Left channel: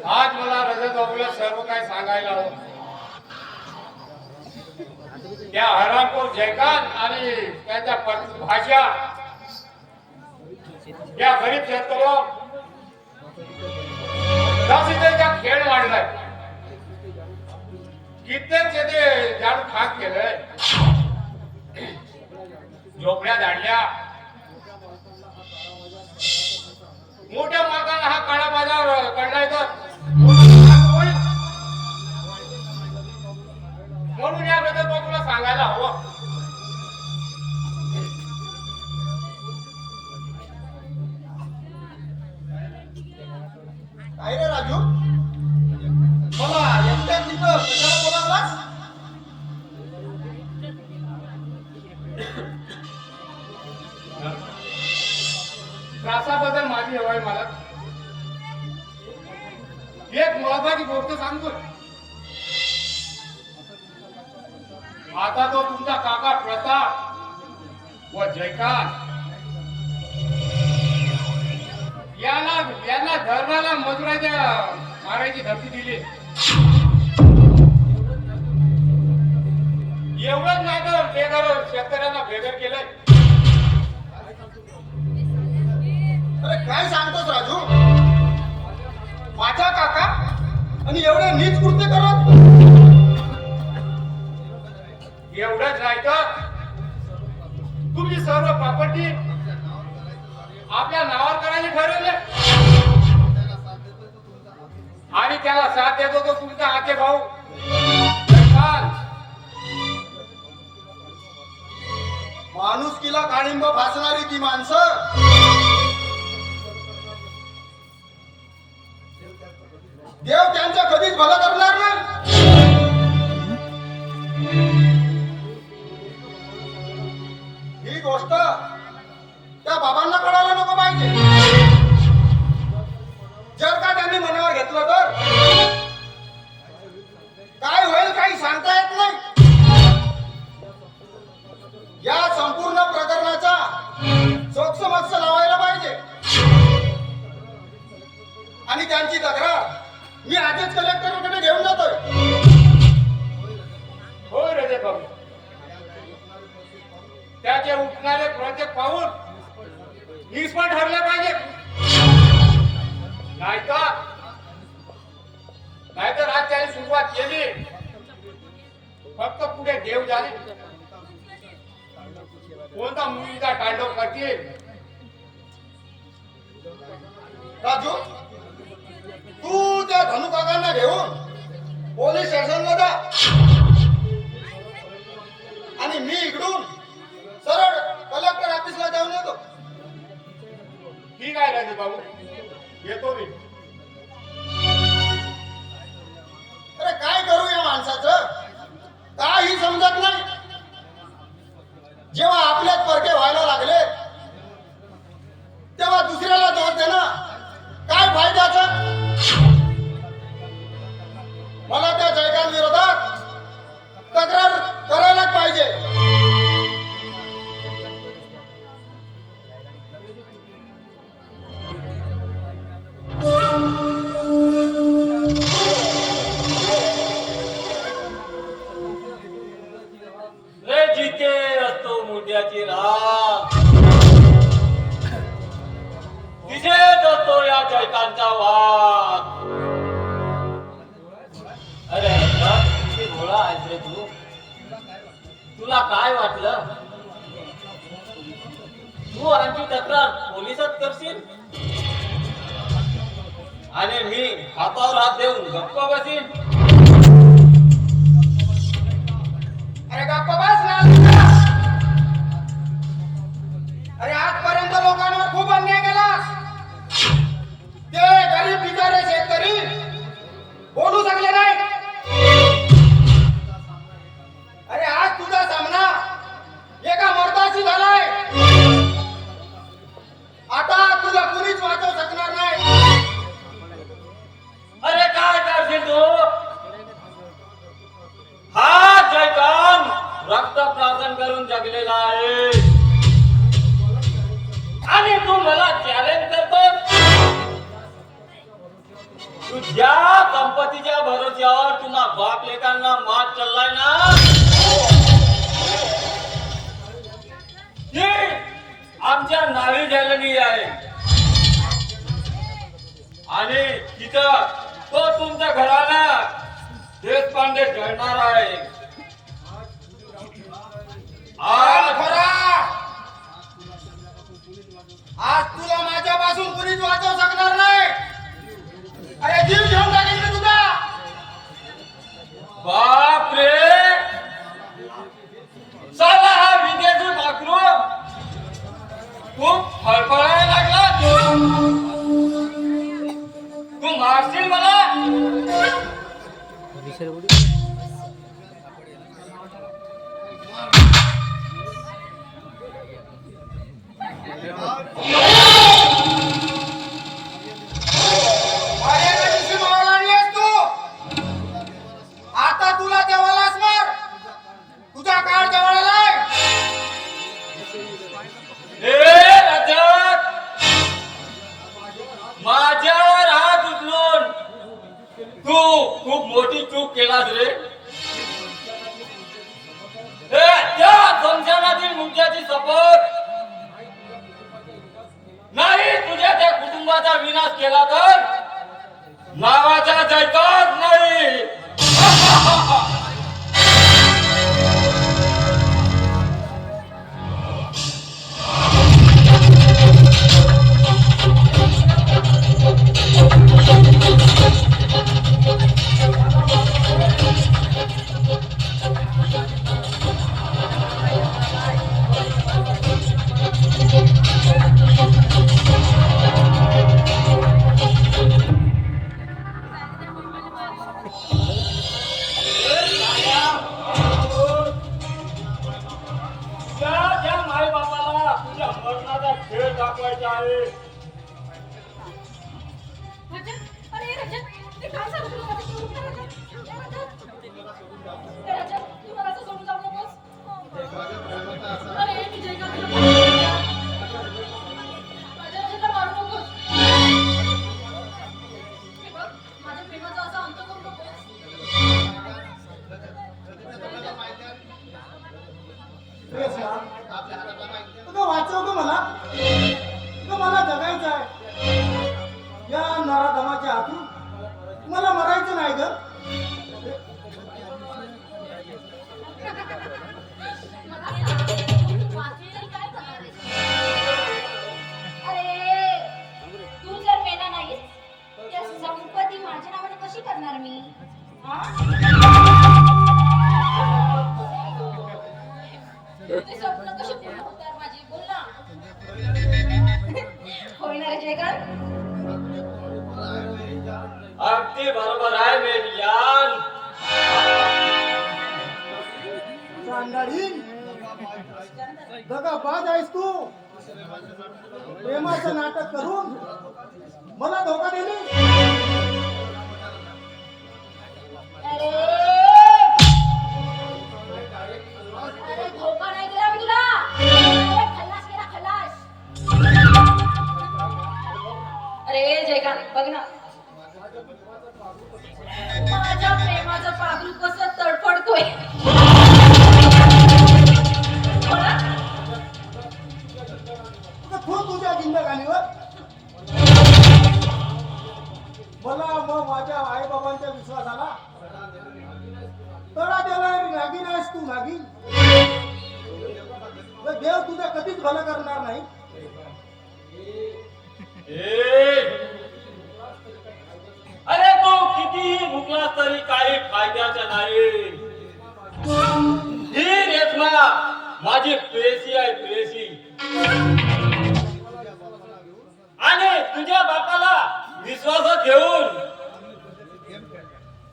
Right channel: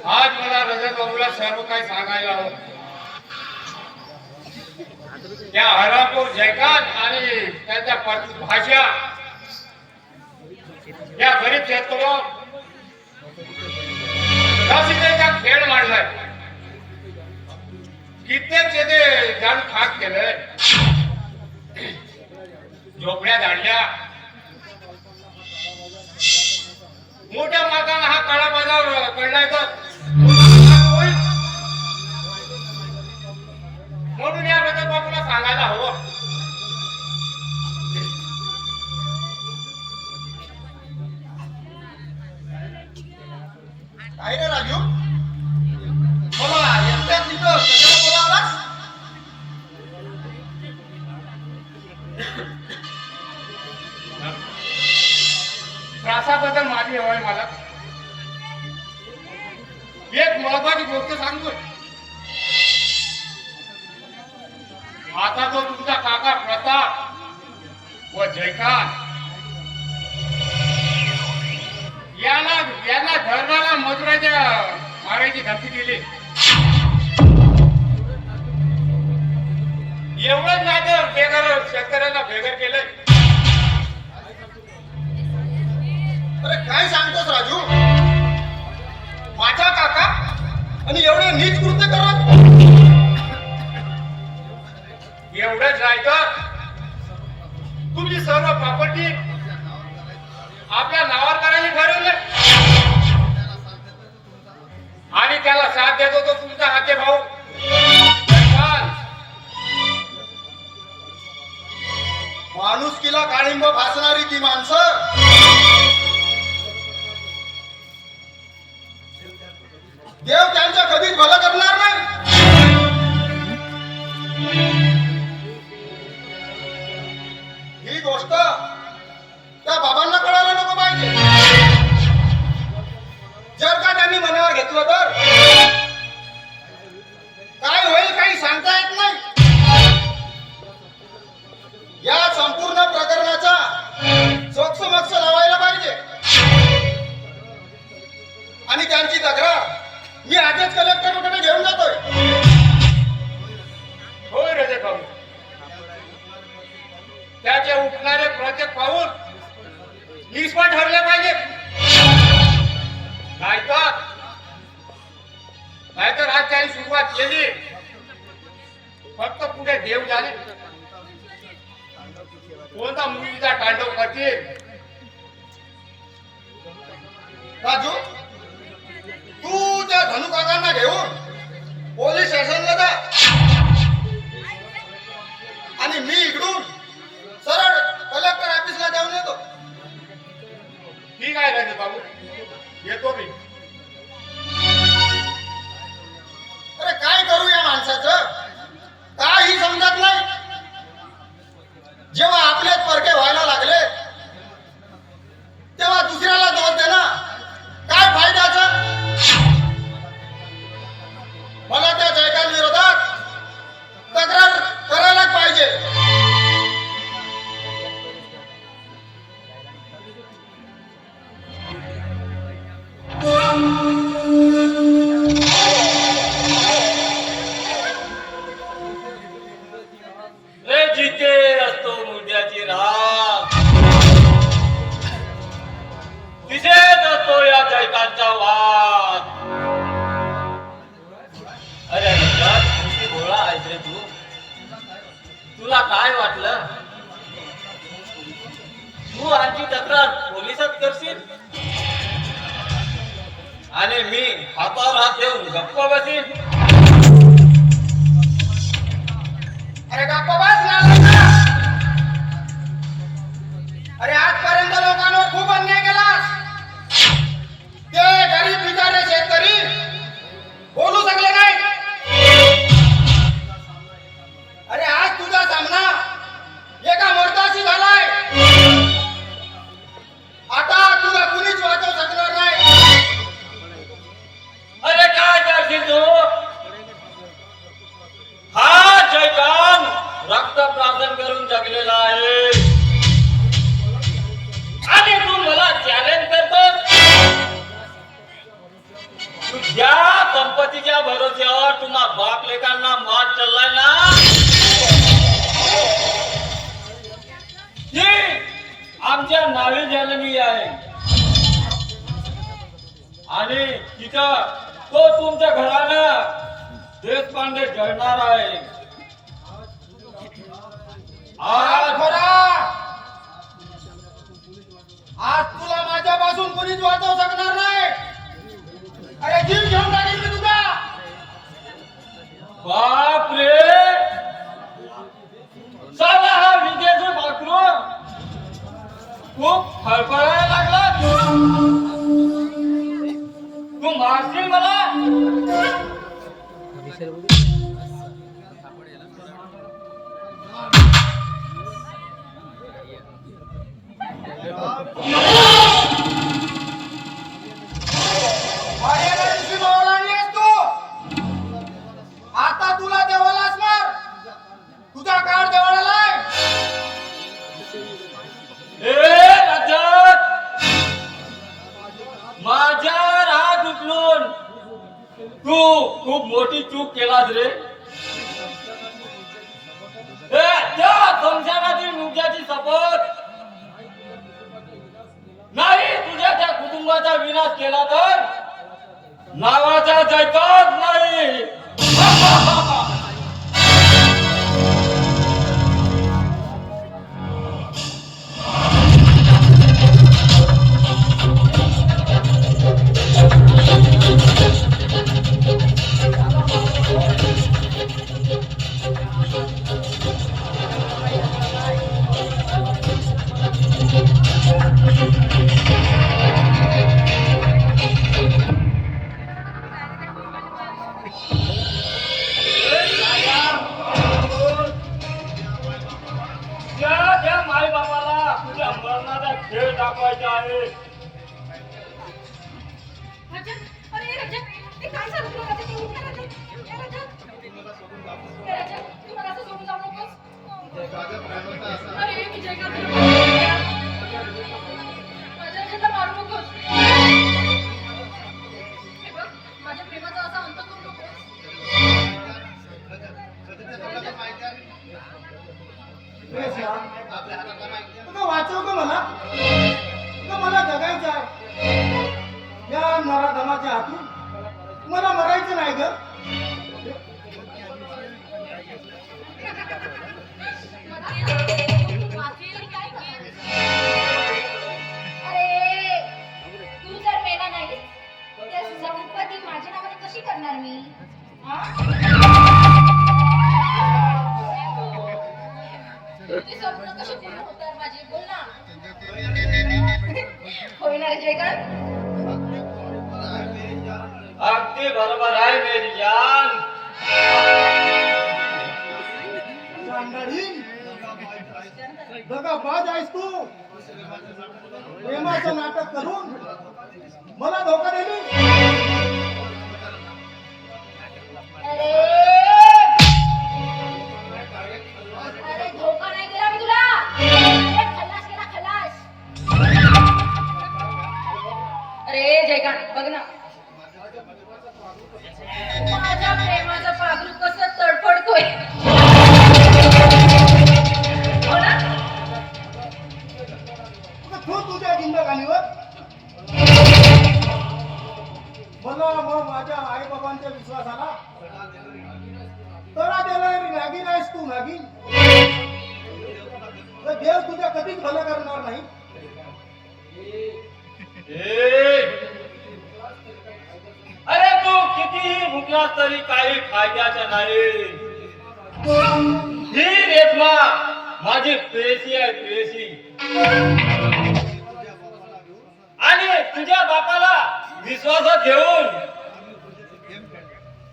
आज मला रजत बाबूला सर्व काही सांगायला हवं. त्या हरामखोर जयकांत आणि त्याच्या भाषा या गरीब शेतकऱ्या खेळ मांडलाय. कित्येक शेते झाडू खाक केलंय, झोपड्या झाडल्या. मोठ्या मार्गाने हा काळा बाजार पडलाय तर म्हणून या रजत बाबूला सांगायला हवं. काय रे राजू, मला एकट्यात तिथं कशाला बोलावलास? त्रासाबद्दल माहिती हवी आहे मला. एक महत्वाची गोष्ट सांगतो. आता तो तुमचा काका प्रताप व जयकांत यांना धरणाला मजुराच्या मारायची धमकी दिली. एवढंच नाही तर बेघर शेतकऱ्यांना बेघर केलंय. अरे काय सांगतोस राजू? माझा काका आणि एवढे नीच कृत्य करत? एवढंच नाही तर तुमची सर्व प्रॉपर्टी आपल्या नावावर करायची ठरवलं आणि त्याला साथ देतो तो तुमचा हाके भाऊ जयकांत. माणुसकीला काळिंब फासणारी ती माणसं देव त्यांच्या कधीच भलं करणार नाही. ही गोष्ट त्या बाबांना कळायला नको पाहिजे. जर का त्यांनी मनावर घेतलं तर काय होईल काही सांगता येत नाही. या संपूर्ण प्रकरणाचा सोक्ष लावायला पाहिजे आणि त्यांची तक्रार मी आजच कलेक्टरकडे घेऊन जातोय. होय रजत भाऊ, त्याचे उठणारे प्रत्येक पाऊल निष्फळ ठरले पाहिजे. नाहीतर आज त्याने सुरुवात केली फक्त पुढे देव जाणे कोणता मुलीचा तांडव करतील. राजू, तू त्या धनुकाकांना घेऊन पोलीस स्टेशनला जा आणि मी इकडून सरळ कलेक्टर ऑफिसला जाऊन येतो. ठीक आहे राजू बाबू, येतो मी. अरे काय करू या माणसाचं, काही समजत नाही. जेव्हा आपल्याच परके व्हायला लागले तेव्हा दुसऱ्याला दोष देणं काय फायद्याचा. मला त्या जयकांत विरोधात तक्रार करायलाच पाहिजे. जिथे असतो मुद्द्याची राह तिथेच असतो या जयकांचा वाद. अरे किती भोळा आहेस रे तू. तुला काय वाटलं तू आमची तक्रार पोलिसात करशील आणि मी हातावर हात देऊन गप्प बसीन? अरे गप्पा बस ना. अरे आजपर्यंत लोकांवर खूप अन्याय केलास. ते गरीब बिचारे शेतकरी बोलू शकले नाही. अरे आज तुझा सामना एका मर्दाशी झालाय. आता तुला कुणीच वाचवू शकणार नाही. अरे काय करशील तू? हा जयकांत रक्त तुझ्या संपत्तीच्या भरोश्यावर तुम्हा बाप लेकांना मात चाललाय ना, ती आमच्या नावे झालेली आहे आणि तिथं तो तुमच्या घराला देशपांडे जळणार आहे. आज आज खरा आज तुला माझ्यापासून कुणीच वाचवू शकणार नाही. अरे जीव घेऊन टाकेल मी तुझा. बाप रे, साला हा विद्यार्थी माकरू खूप फळफळायला लागला. तू मारशील मला? माझ्याकडे दिवशी मावळा नाहीयेस तू. आता तुला जवळलाच मार. तुझा काळ जवळ आलाय. ए रजत, माझ्यावर हात उचलून तू खूप मोठी चूक केलास रे. ए, त्या संसारातील मुद्द्याची शपथ नाही तुझ्या त्या कुटुंबाचा विनाश केला तर नावाचा जायकाच नाही. त्या माय बाबाला तुझ्या मरणाचा खेळ दाखवायचा आहे. रजत, अरे रजत, ते काय झालं तुला रजत? तू उठ ना रजत. ए रजत. ए रजत, तू मला असं सोडून जाऊ नकोस. अरे विजय का तुला मारू नकोस. माझ्या रजतला मारू नकोस. हे बघ, माझ्या प्रेमाचा असा अंत करू नकोस. तुला वाचव ग मला. तुला मला जगायचं आहे. या नराधमाच्या हातून मला मरायचं नाही ग. अरे तू जर मेला नाही तर संपत्ती माझ्या नावाने कशी करणार मी? हा? ते स्वप्न कशी पूर्ण होतात माझी? बोल ना. होय ना रे जयकांत? अगदी बरोबर आहे मेरी जान. चांडाळी दगाबाज आहेस तू. प्रेमाचं नाटक करून मला धोका दिली. अरे अरे धोका नाही दिला मी तुला. अरे खल्लास केला खल्लास. अरे जयकांत बघ ना, माझ्या प्रेमाचं पागरू कसं तडफडतोय. हो ना? तू तुझ्या जिंदगानीवर मला व माझ्या आई बाबांच्या विश्वासाला तडा देणारी नागिन आहेस तू. नागिन. देव तुझं कधीच भलं करणार नाही. अरे तू कितीही भुकला तरी काही फायद्याचं नाही. ही रेशमा माझी पेशी आहे, पेशी. आणि तुझ्या बापाला विश्वासात घेऊन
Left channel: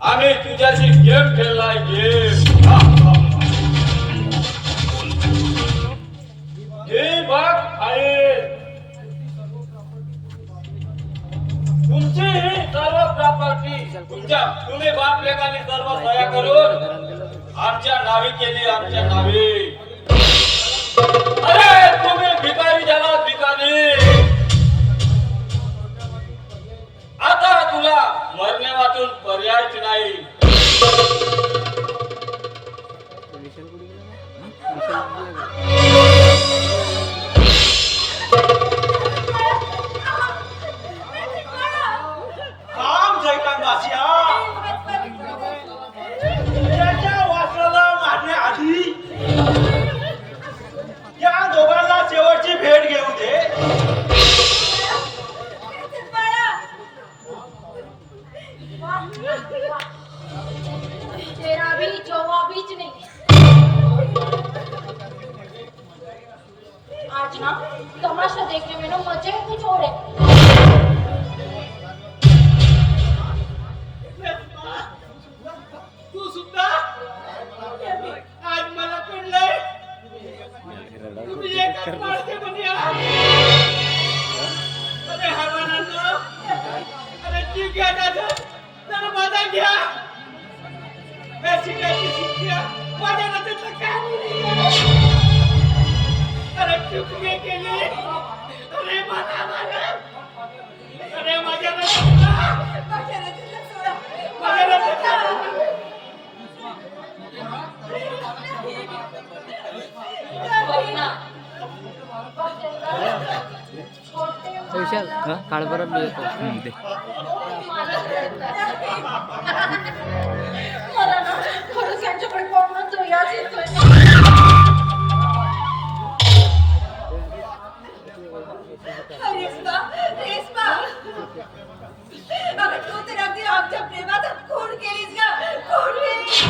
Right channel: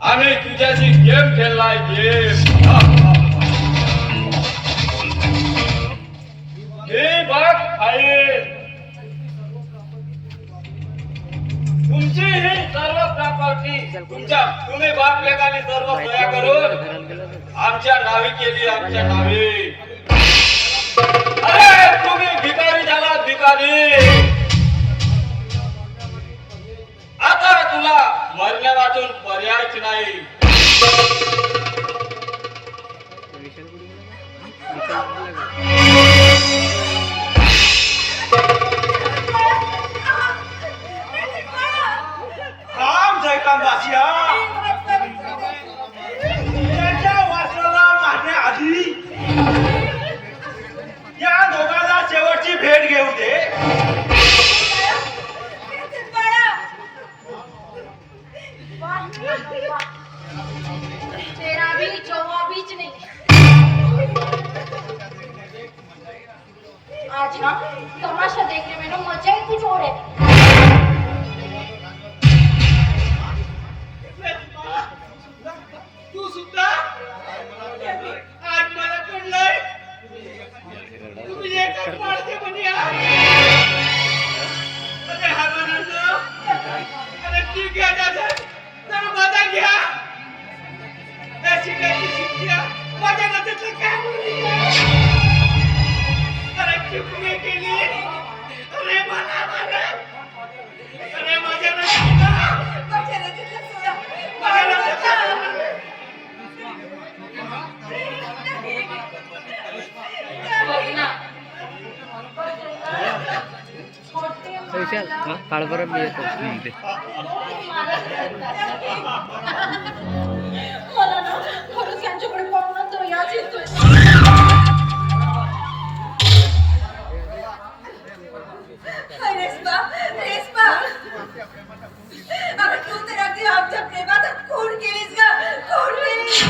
आम्ही तुझ्याशी गेम खेळलाय, गेम. हे बघ फाईल. तुमची ही सर्व प्रॉपर्टी तुम्ही बाप लेकाने सर्व सह्या करून आमच्या नावे केली, आमच्या नावे. अरे तुम्ही भिकारी झाला, भिकारी. आता तुला आपला मरण्या वाचून पर्यायच नाही. थांब जयकांत दासिया. त्याच्या वासराला मारण्याआधी या दोघांना शेवटची भेट घेऊ दे. तेरा भी जवाबीच नहीं. आज ना तमाशा देखने में ना मजा ही कुछ और है. तू सुद्धा आज मला कळलंय तुम्ही एकच माणसे बनी आहात. अरे हरवानांनो, अरे ठीक घ्या दादा, तर माझा घ्या. हे शिकायची शिक्षा माझ्या नजरेतलं काय बोलली. अरे चुकली केली. अरे मला मारा. अरे माझ्या नजरेतलं माझ्या नजरेतलं विशाल काळभर मी येतो. मला ना खरंच यांच्याकडे पाहून तर याच येतोय. रेश्मा, रेश्मा. अगं तू तर अगदी आमच्या प्रेमात खून केलीस ग, खून केलीस.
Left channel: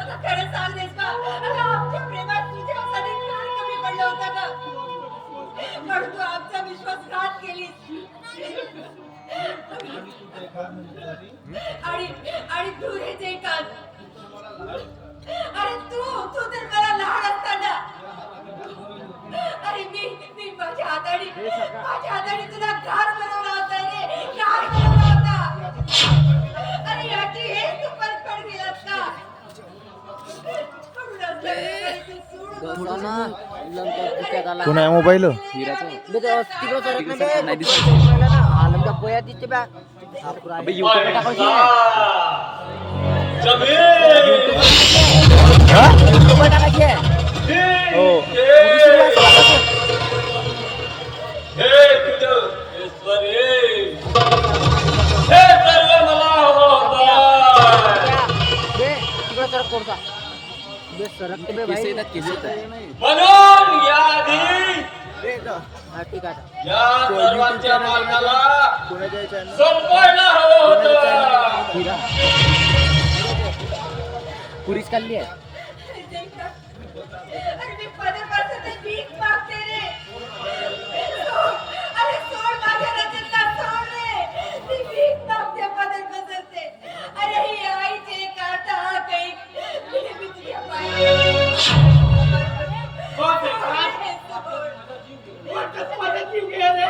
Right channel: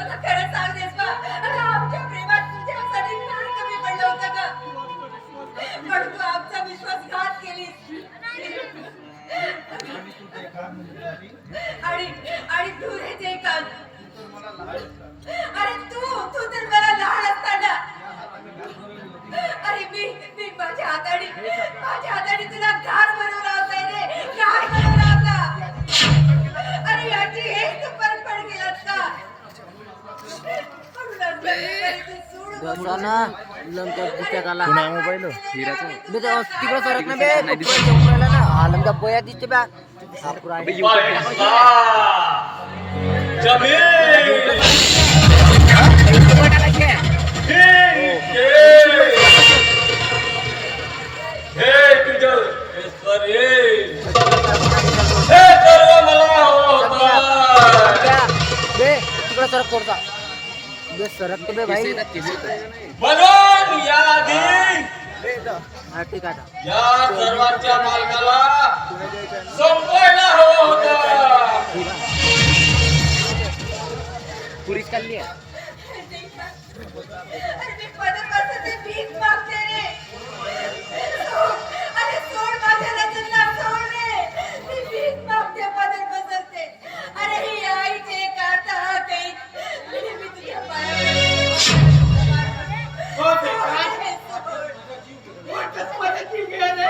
अगं खरं सांग रेश्मा, अगं आमच्या प्रेमात तुझ्यासाठी काय कमी पडलं होतं ग? पण तू आमचा विश्वासघात केलीस. आणि तू रे जयकांत, अरे तू तर मला लहान असताना, अरे मी माझ्या हाताने तुला घास बनवला होता रे, घास बनवला होता. अरे याची हेच तू परतफेड केलास का? थोडा ना लंका दिसत आला. कोणा मोबाईल हिराचा तिकडे सरत नाही दिसत ना. लंका पोया दिसते बा. अबे YouTube टाकायचं. YouTube टाकायचे. हे तुझं ईश्वर ये. हे सर्व मला हवं होतं. बे तिकडे सरक कोणता बे सरक बे भाई. म्हणून याआधी ठीक आहे. या सर्वांच्या मार्गाला संपायला हवं होतं. हिरा पुरीच काढली आहे. अरे मी पदापासून भीक मागते रे. अरे सोड माझ्या रचना, सोड रे. मी भीक मागते पदापासून. अरे ही आईचे काटा काही मी तुझ्या पायात माझा जीव घ्या रे.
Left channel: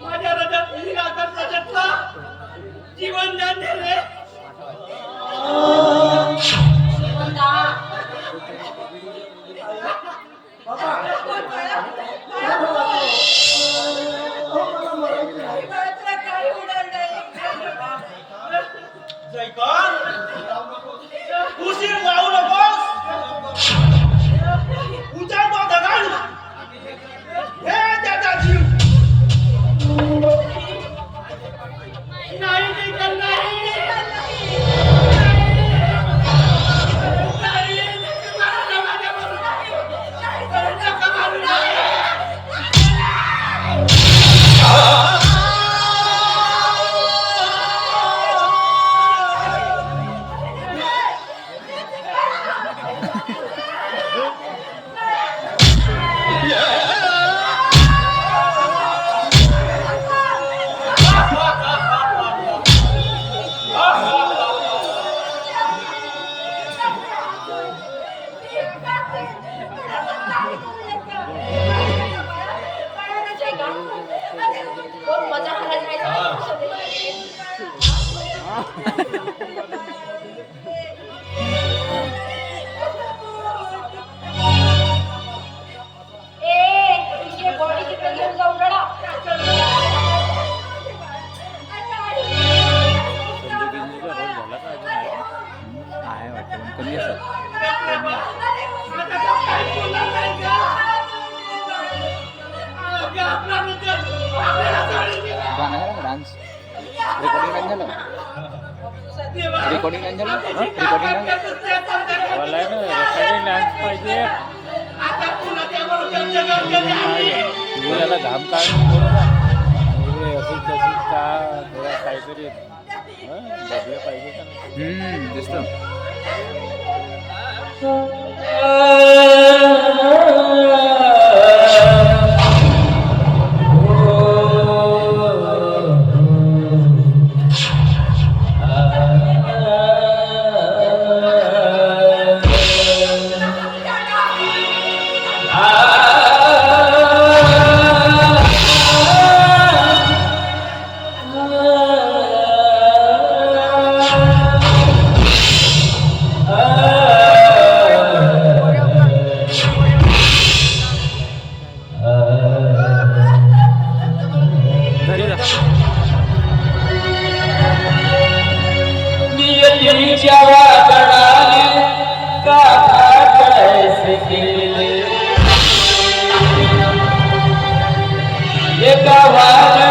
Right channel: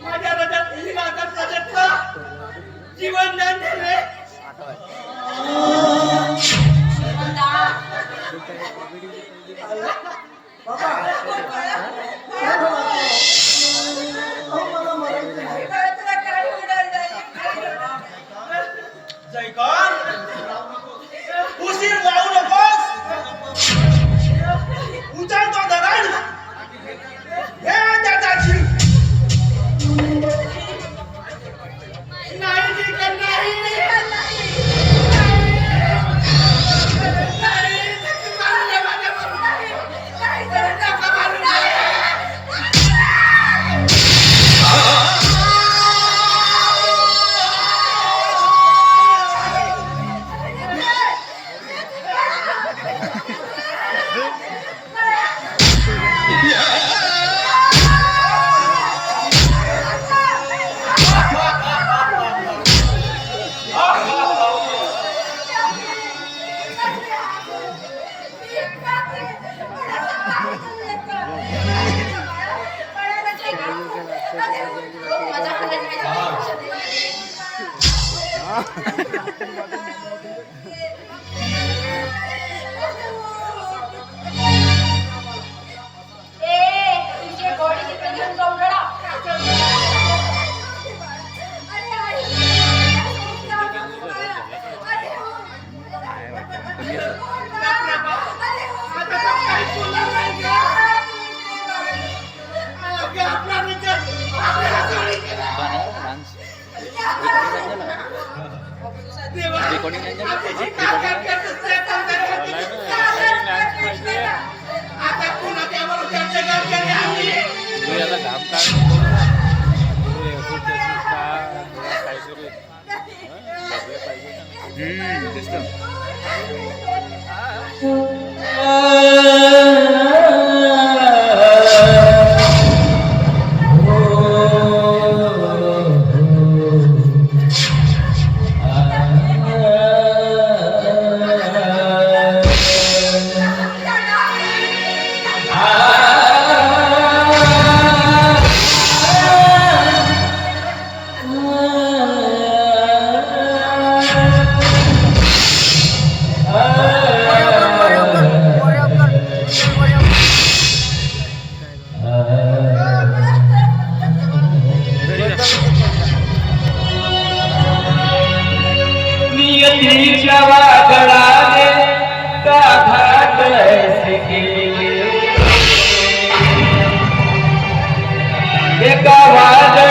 माझ्या हृदयात निराकार सजतला जीवन दान दे रे. तुला काही होणार नाही. जयकांत, उशीर वाढू नकोस. उचलतो दगड. हे त्याचा जीव. नाही निघाल नाही. रेकॉर्डिंग नाही झालं आता पुन्हा त्यावर चर्चा केली आम्ही. घाम काय काहीतरी दिसतं नियतीच्या वादळाने गाथा कैसे केले एका वादळाने